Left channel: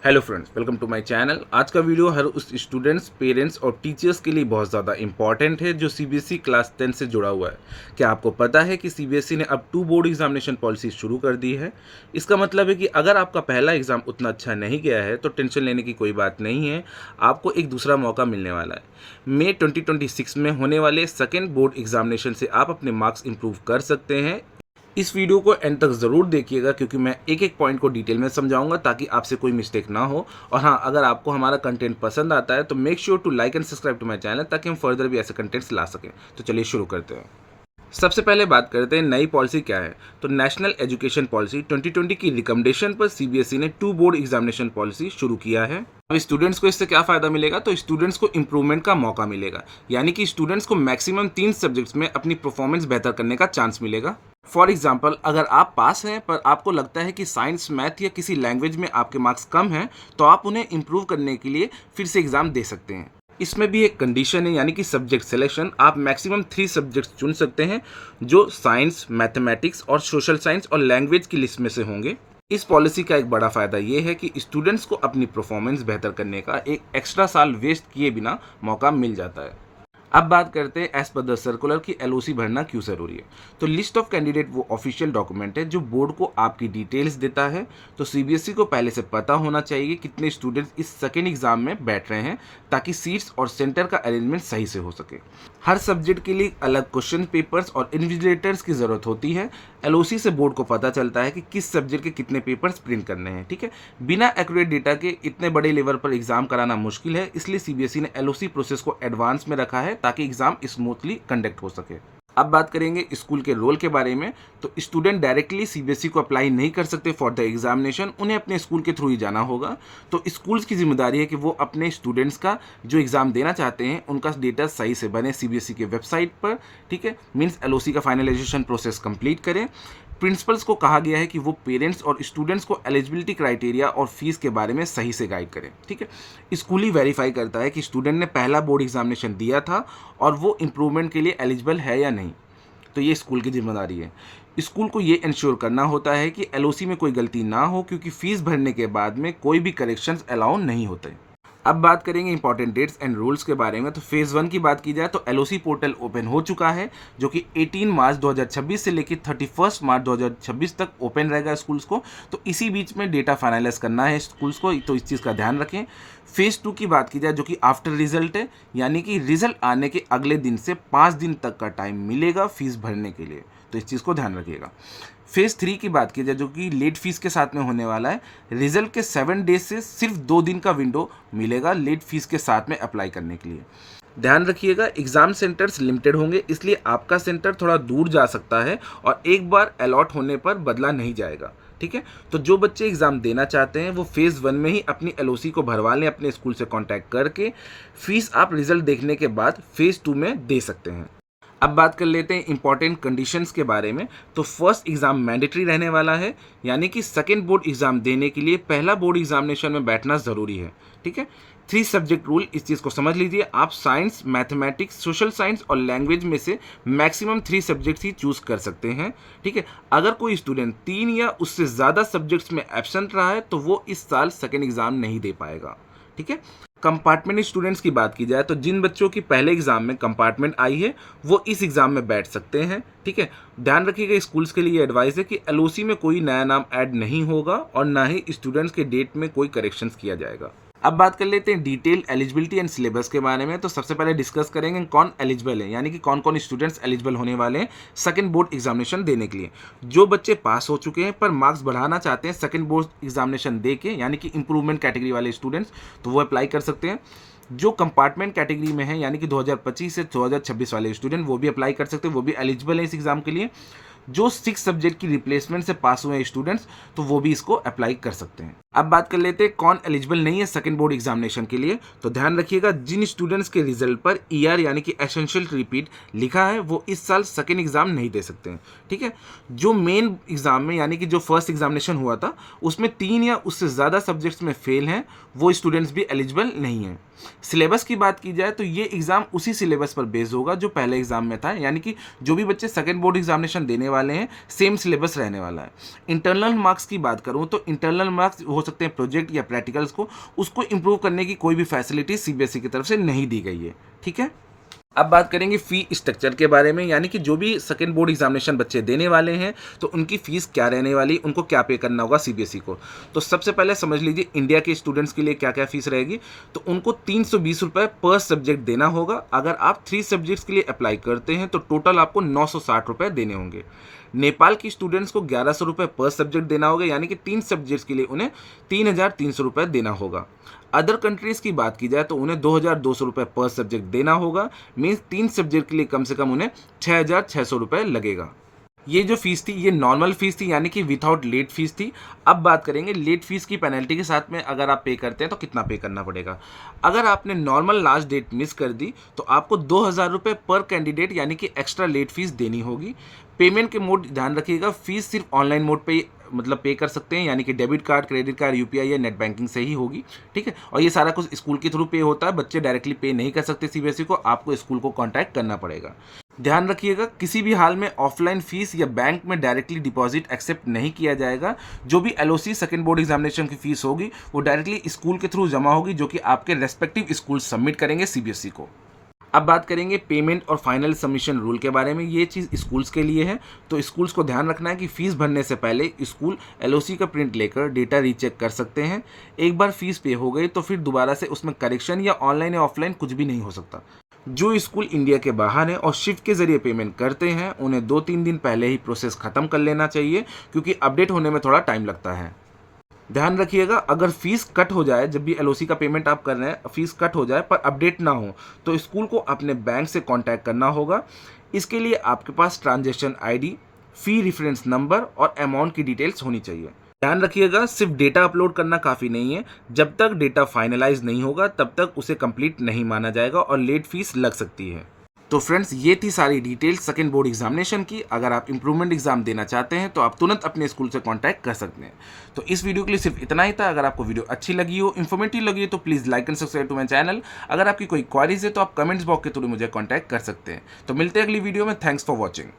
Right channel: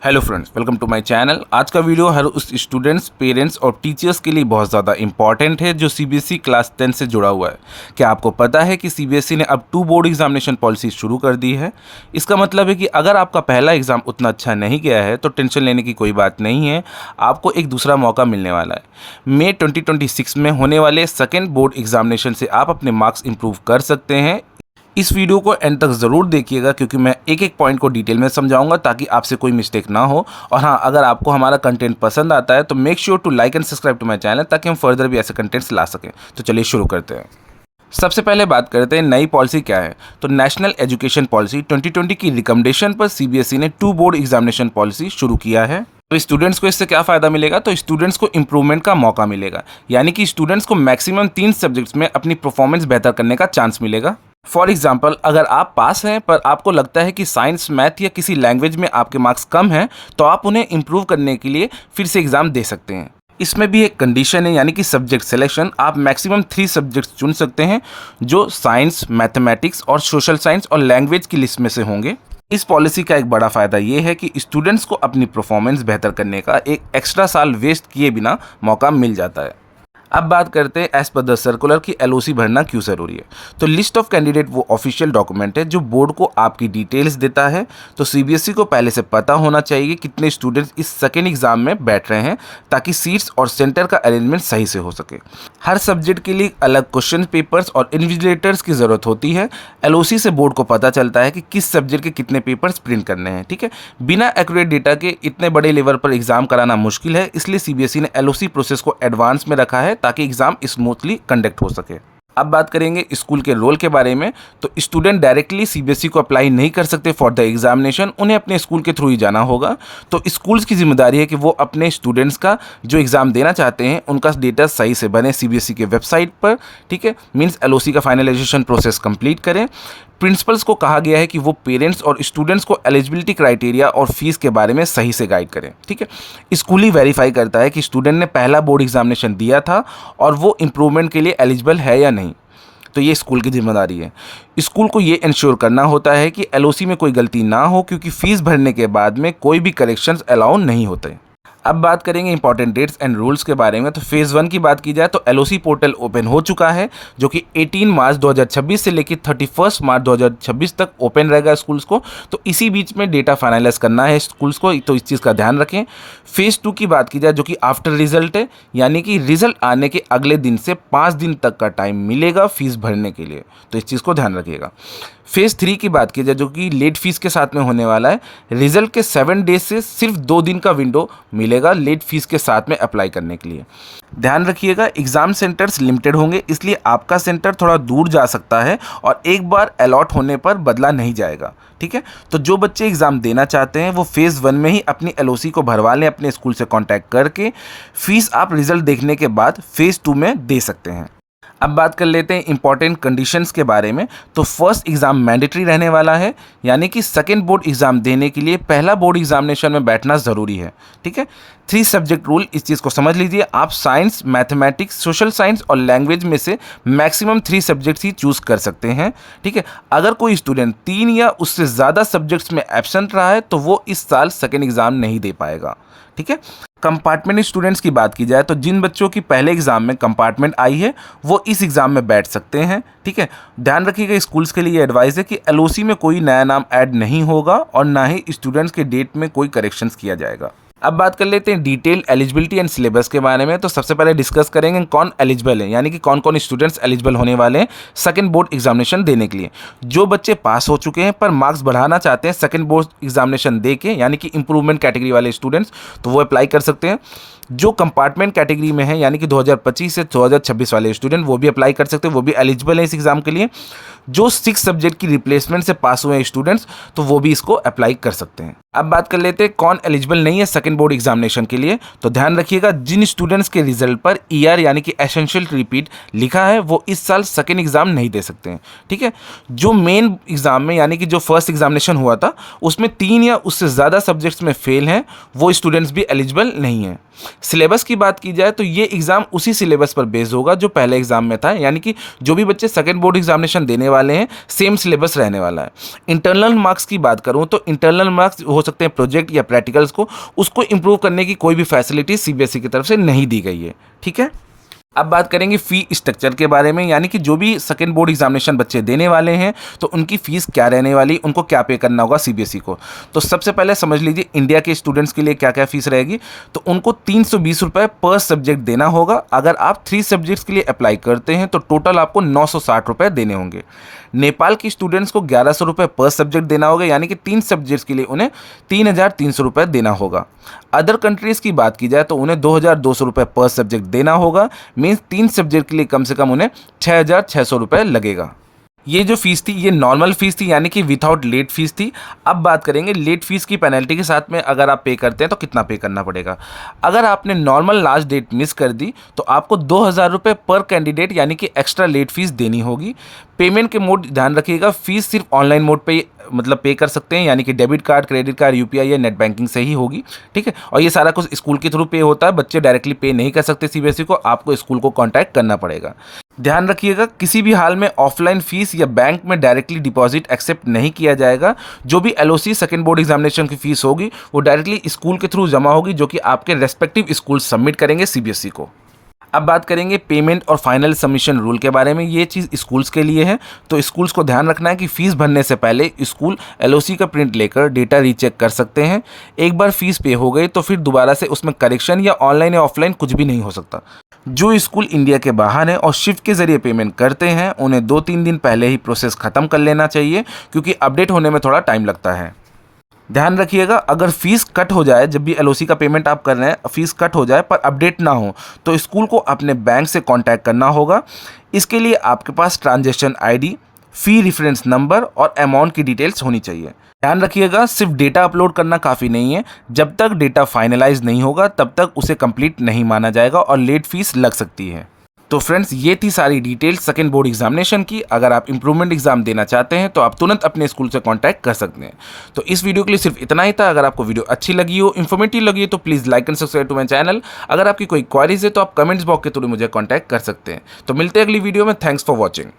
Hello friends, welcome to my channel. आज का video हर उस स्टूडेंट्स, पेरेंट्स और टीचर्स के लिए बहुत ज़्यादा इंपॉर्टेंट है जो सीबीएसई क्लास 10 से जुड़ा हुआ है। क्या आपको पता है कि सीबीएसई ने अब 2 बोर्ड एग्जामिनेशन पॉलिसी शुरू कर दी है। इसका मतलब है कि अगर आपका पहला एग्ज़ाम उतना अच्छा नहीं गया है तो टेंशन लेने की कोई बात नहीं है, आपको एक दूसरा मौका मिलने वाला है। मई 2026 में होने वाले सेकेंड बोर्ड एग्जामिनेशन से आप अपने मार्क्स इंप्रूव कर सकते हैं। इस वीडियो को एंड तक ज़रूर देखिएगा क्योंकि मैं एक एक पॉइंट को डिटेल में समझाऊंगा ताकि आपसे कोई मिस्टेक ना हो। और हाँ, अगर आपको हमारा कंटेंट पसंद आता है तो make sure to like and subscribe to my channel ताकि हम फर्दर भी ऐसे कंटेंट्स ला सकें। तो चलिए शुरू करते हैं। सबसे पहले बात करते हैं नई पॉलिसी क्या है। तो नेशनल एजुकेशन पॉलिसी 2020 की रिकमेंडेशन पर सीबीएसई ने 2 बोर्ड एग्जामिनेशन पॉलिसी शुरू किया है। तो स्टूडेंट्स को इससे क्या फ़ायदा मिलेगा, तो स्टूडेंट्स को इंप्रूवमेंट का मौका मिलेगा, यानी कि स्टूडेंट्स को मैक्सिमम 3 सब्जेक्ट्स में अपनी परफॉर्मेंस बेहतर करने का चांस मिलेगा। फॉर एग्जाम्पल, अगर आप पास हैं पर आपको लगता है कि साइंस, मैथ या किसी लैंग्वेज में आपके मार्क्स कम हैं, तो आप उन्हें इंप्रूव करने के लिए फिर से एग्ज़ाम दे सकते हैं। इसमें भी एक कंडीशन है, यानी कि सब्जेक्ट सिलेक्शन। आप मैक्सिमम 3 सब्जेक्ट्स चुन सकते हैं जो साइंस, मैथमेटिक्स और सोशल साइंस और लैंग्वेज की लिस्ट में से होंगे। इस पॉलिसी का एक बड़ा फ़ायदा ये है कि स्टूडेंट्स को अपनी परफॉर्मेंस बेहतर करने का एक एक्स्ट्रा साल वेस्ट किए बिना मौका मिल जाता है। अब बात करते हैं एज पर द सर्कुलर की एलओसी भरना क्यों ज़रूरी है। तो लिस्ट ऑफ कैंडिडेट वो ऑफिशियल डॉक्यूमेंट है जो बोर्ड को आपकी डिटेल्स देता है। तो सीबीएसई को पहले से पता होना चाहिए कितने स्टूडेंट्स इस सेकेंड एग्जाम में बैठ रहे हैं ताकि सीट्स और सेंटर का अरेंजमेंट सही से हो सके। हर सब्जेक्ट के लिए अलग क्वेश्चन पेपर्स और इन्विजिलेटर्स की ज़रूरत होती है। एलओसी से बोर्ड को पता चलता है कि किस सब्जेक्ट के कितने पेपर्स प्रिंट करने हैं। ठीक है, बिना एक्यूरेट डेटा के इतने बड़े लेवल पर एग्जाम कराना मुश्किल है, इसलिए सीबीएसई ने एलओसी प्रोसेस को एडवांस में रखा है ताकि एग्जाम स्मूथली कंडक्ट हो सके। अब बात करेंगे स्कूल के रोल के बारे में। तो स्टूडेंट डायरेक्टली सीबीएसई को अप्लाई नहीं कर सकते फॉर द एग्जामिनेशन, उन्हें अपने स्कूल के थ्रू ही जाना होगा। तो स्कूल्स की जिम्मेदारी है कि वो अपने स्टूडेंट्स का जो एग्ज़ाम देना चाहते हैं उनका डेटा सही से बने सीबीएसई के वेबसाइट पर। ठीक है, मीन्स एलओसी का फाइनलाइजेशन प्रोसेस कंप्लीट करें। प्रिंसिपल्स को कहा गया है कि वो पेरेंट्स और स्टूडेंट्स को एलिजिबिलिटी क्राइटेरिया और फीस के बारे में सही से गाइड करें। ठीक है, स्कूल ही वेरीफाई करता है कि स्टूडेंट ने पहला बोर्ड एग्जामिनेशन दिया था और वो इम्प्रूवमेंट के लिए एलिजिबल है या नहीं। तो ये स्कूल की जिम्मेदारी है। स्कूल को ये इंश्योर करना होता है कि एलओसी में कोई गलती ना हो, क्योंकि फीस भरने के बाद में कोई भी करेक्शंस अलाउ नहीं होते। अब बात करेंगे इंपॉर्टेंट डेट्स एंड रूल्स के बारे में। तो फेज़ 1 की बात की जाए तो एलओसी पोर्टल ओपन हो चुका है, जो कि 18 मार्च 2026 से लेकर 31 मार्च 2026 तक ओपन रहेगा स्कूल्स को। तो इसी बीच में डेटा फाइनलाइज करना है स्कूल्स को, तो इस चीज़ का ध्यान रखें। फेज़ 2 की बात की जाए जो कि आफ्टर रिजल्ट है, यानी कि रिजल्ट आने के अगले दिन से 5 दिन तक का टाइम मिलेगा फीस भरने के लिए, तो इस चीज़ को ध्यान रखिएगा। फेज़ 3 की बात की जाए जो कि लेट फीस के साथ में होने वाला है। रिजल्ट के 7 डेज से सिर्फ 2 दिन का विंडो मिलेगा लेट फीस के साथ में अप्लाई करने के लिए। ध्यान रखिएगा, एग्ज़ाम सेंटर्स लिमिटेड होंगे, इसलिए आपका सेंटर थोड़ा दूर जा सकता है और एक बार अलॉट होने पर बदला नहीं जाएगा। ठीक है, तो जो बच्चे एग्ज़ाम देना चाहते हैं वो फेज़ 1 में ही अपनी एलओसी को भरवा लें अपने स्कूल से कॉन्टैक्ट करके। फीस आप रिजल्ट देखने के बाद फेज़ 2 में दे सकते हैं। अब बात कर लेते हैं इंपॉर्टेंट कंडीशंस के बारे में। तो फर्स्ट एग्ज़ाम मैंडेटरी रहने वाला है, यानी कि सेकेंड बोर्ड एग्ज़ाम देने के लिए पहला बोर्ड एग्जामिनेशन में बैठना ज़रूरी है। ठीक है, 3 सब्जेक्ट रूल, इस चीज़ को समझ लीजिए। आप साइंस, मैथमेटिक्स, सोशल साइंस और लैंग्वेज में से मैक्सिमम 3 सब्जेक्ट्स ही चूज़ कर सकते हैं। ठीक है, अगर कोई स्टूडेंट 3 या उससे ज़्यादा सब्जेक्ट्स में एब्सेंट रहा है तो वो इस साल सेकेंड एग्ज़ाम नहीं दे पाएगा। ठीक है, कंपार्टमेंट स्टूडेंट्स की बात की जाए तो जिन बच्चों की पहले एग्जाम में कंपार्टमेंट आई है वो इस एग्ज़ाम में बैठ सकते हैं। ठीक है, ध्यान रखिएगा स्कूल्स के लिए एडवाइस है कि एलओसी में कोई नया नाम ऐड नहीं होगा और ना ही स्टूडेंट्स के डेट में कोई करेक्शंस किया जाएगा। अब बात कर लेते हैं डिटेल एलिजिबिलिटी एंड सिलेबस के बारे में। तो सबसे पहले डिस्कस करेंगे कौन एलिजिबल है, यानी कि कौन कौन स्टूडेंट्स एलिजिबल होने वाले हैं सेकंड बोर्ड एग्जामिनेशन देने के लिए। जो बच्चे पास हो चुके हैं पर मार्क्स बढ़ाना चाहते हैं सेकंड बोर्ड एग्जामिनेशन दे के, यानी कि इंप्रूवमेंट कैटेगरी वाले स्टूडेंट्स, तो वो अप्लाई कर सकते हैं। जो कंपार्टमेंट कैटेगरी में है, यानी कि 2025 से 2026 वाले स्टूडेंट, वो भी अप्लाई कर सकते हैं, वो भी एलिजिबल है इस एग्ज़ाम के लिए। जो 6 सब्जेक्ट की रिप्लेसमेंट से पास हुए हैं स्टूडेंट्स, तो वो भी इसको अप्लाई कर सकते हैं। अब बात कर लेते हैं कौन एलिजिबल नहीं है सेकंड बोर्ड एग्जामिनेशन के लिए। तो ध्यान रखिएगा, जिन स्टूडेंट्स के रिजल्ट पर ईआर यानी कि एसेंशियल रिपीट लिखा है वो इस साल सेकंड एग्जाम नहीं दे सकते हैं। ठीक है, जो मेन एग्जाम में यानी कि जो फर्स्ट एग्जामिनेशन हुआ था उसमें 3 या उससे ज़्यादा सब्जेक्ट्स में फेल हैं, वो स्टूडेंट्स भी एलिजिबल नहीं हैं। सिलेबस की बात की जाए तो ये एग्ज़ाम उसी सिलेबस पर बेस्ड होगा जो पहले एग्ज़ाम में था, यानी कि जो भी बच्चे सेकंड बोर्ड एग्जामिनेशन देने वाले हैं सेम सिलेबस रहने वाला है। इंटरनल मार्क्स की बात करूँ तो इंटरनल मार्क्स हो सकते हैं प्रोजेक्ट या प्रैक्टिकल्स को, उसको इम्प्रूव करने की कोई भी फैसिलिटी सीबीएसई की तरफ से नहीं दी गई है। ठीक है, अब बात करेंगे फ़ी स्ट्रक्चर के बारे में, यानी कि जो भी सेकंड बोर्ड एग्जामिनेशन बच्चे देने वाले हैं तो उनकी फ़ीस क्या रहने वाली, उनको क्या पे करना होगा सीबीएसई को। तो सबसे पहले समझ लीजिए इंडिया के स्टूडेंट्स के लिए क्या क्या फ़ीस रहेगी। तो उनको 320 रुपये पर सब्जेक्ट देना होगा। अगर आप 3 सब्जेक्ट्स के लिए अप्लाई करते हैं तो टोटल आपको 960 रुपये देने होंगे। नेपाल की स्टूडेंट्स को 1100 रुपये पर सब्जेक्ट देना होगा, यानी कि 3 सब्जेक्ट्स के लिए उन्हें 3300 रुपये देना होगा। अदर कंट्रीज़ की बात की जाए तो उन्हें 2200 रुपये पर सब्जेक्ट देना होगा। मीन्स 3 सब्जेक्ट के लिए कम से कम उन्हें 6600 रुपये लगेगा। ये जो फीस थी ये नॉर्मल फीस थी, यानी कि विदाउट लेट फीस थी। अब बात करेंगे लेट फीस की पेनल्टी के साथ में, अगर आप पे करते हैं तो कितना पे करना पड़ेगा। अगर आपने नॉर्मल लास्ट डेट मिस कर दी तो आपको 2000 रुपये पर कैंडिडेट यानी कि एक्स्ट्रा लेट फीस देनी होगी। पेमेंट के मोड ध्यान रखिएगा, फीस सिर्फ ऑनलाइन मोड पे मतलब पे कर सकते हैं, यानी कि debit card, credit card, UPI या नेट बैंकिंग से ही होगी। ठीक है, और ये सारा कुछ स्कूल के थ्रू पे होता है, बच्चे डायरेक्टली पे नहीं कर सकते सीबीएसई को, आपको स्कूल को कांटेक्ट करना पड़ेगा। ध्यान रखिएगा किसी भी हाल में ऑफलाइन फीस या बैंक में डायरेक्टली डिपॉजिट एक्सेप्ट नहीं किया जाएगा। जो भी एलओसी सेकंड बोर्ड एग्जामिनेशन की फीस होगी वो डायरेक्टली स्कूल के थ्रू जमा होगी, जो कि आपके रेस्पेक्टिव स्कूल सबमिट करेंगे सीबीएसई को। अब बात करेंगे पेमेंट और फाइनल सबमिशन रूल के बारे में। ये चीज़ स्कूल्स के लिए है, तो स्कूल्स को ध्यान रखना है कि फ़ीस भरने से पहले स्कूल एलओसी का प्रिंट लेकर डेटा रीचेक कर सकते हैं। एक बार फीस पे हो गई तो फिर दोबारा से उसमें करेक्शन या ऑनलाइन या ऑफलाइन कुछ भी नहीं हो सकता। जो स्कूल इंडिया के बाहर हैं और शिफ्ट के ज़रिए पेमेंट करते हैं उन्हें 2-3 दिन पहले ही प्रोसेस ख़त्म कर लेना चाहिए, क्योंकि अपडेट होने में थोड़ा टाइम लगता है। ध्यान रखिएगा अगर फीस कट हो जाए, जब भी एलओसी का पेमेंट आप कर रहे हैं फीस कट हो जाए पर अपडेट ना हो तो स्कूल को अपने बैंक से कांटेक्ट करना होगा। इसके लिए आपके पास ट्रांजैक्शन आईडी, फी रेफरेंस नंबर और अमाउंट की डिटेल्स होनी चाहिए। ध्यान रखिएगा सिर्फ डेटा अपलोड करना काफ़ी नहीं है, जब तक डेटा फाइनलाइज नहीं होगा तब तक उसे कंप्लीट नहीं माना जाएगा और लेट फीस लग सकती है। तो फ्रेंड्स ये थी सारी डिटेल्स सेकंड बोर्ड एग्जामिनेशन की। अगर आप इंप्रूवमेंट एग्जाम देना चाहते हैं तो आप तुरंत अपने स्कूल से कांटेक्ट कर सकते हैं। तो इस वीडियो के लिए सिर्फ इतना ही था। अगर आपको वीडियो अच्छी लगी हो, इन्फॉर्मेटिव लगी हो तो please like and subscribe to my channel. अगर आपकी कोई क्वारीज है तो आप कमेंट्स बॉक्स के थ्रू मुझे कॉन्टैक्ट कर सकते हैं। तो मिलते हैं अगली वीडियो में। Thanks for watching.